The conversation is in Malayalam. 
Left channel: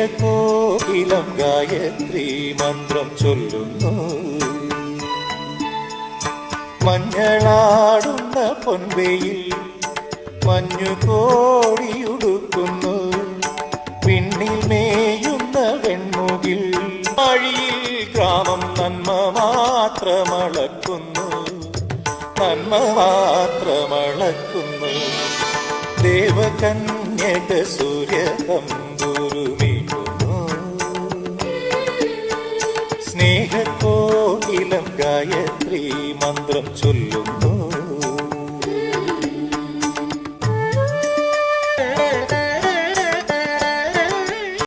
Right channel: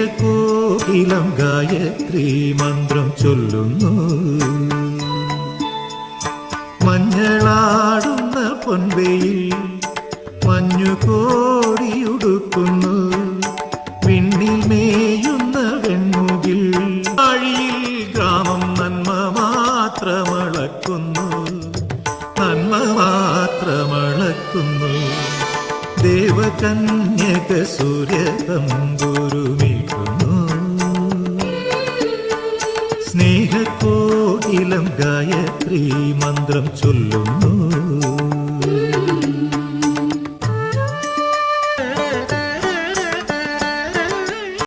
സ്നേഹകോകിലം ഗായത്രി മന്ത്രം ചൊല്ലുന്നു. മഞ്ഞളാടുന്ന പൊൻവെയിൽ മഞ്ഞുകോടിയുടുക്കുന്നു. വിണ്ണിൽ മേയുന്ന വെൺമുകിൽ ആഴിയിൽ ഗ്രാമം നന്മ മാത്രമളക്കുന്നു. നന്മ മാത്രമളക്കുന്നു. ദേവകന്യക സൂര്യതമ്പുരുമീട്ടുന്നു. സ്നേഹകോകിലം ഗായത്രി മന്ത്രം ചൊല്ലുന്നു.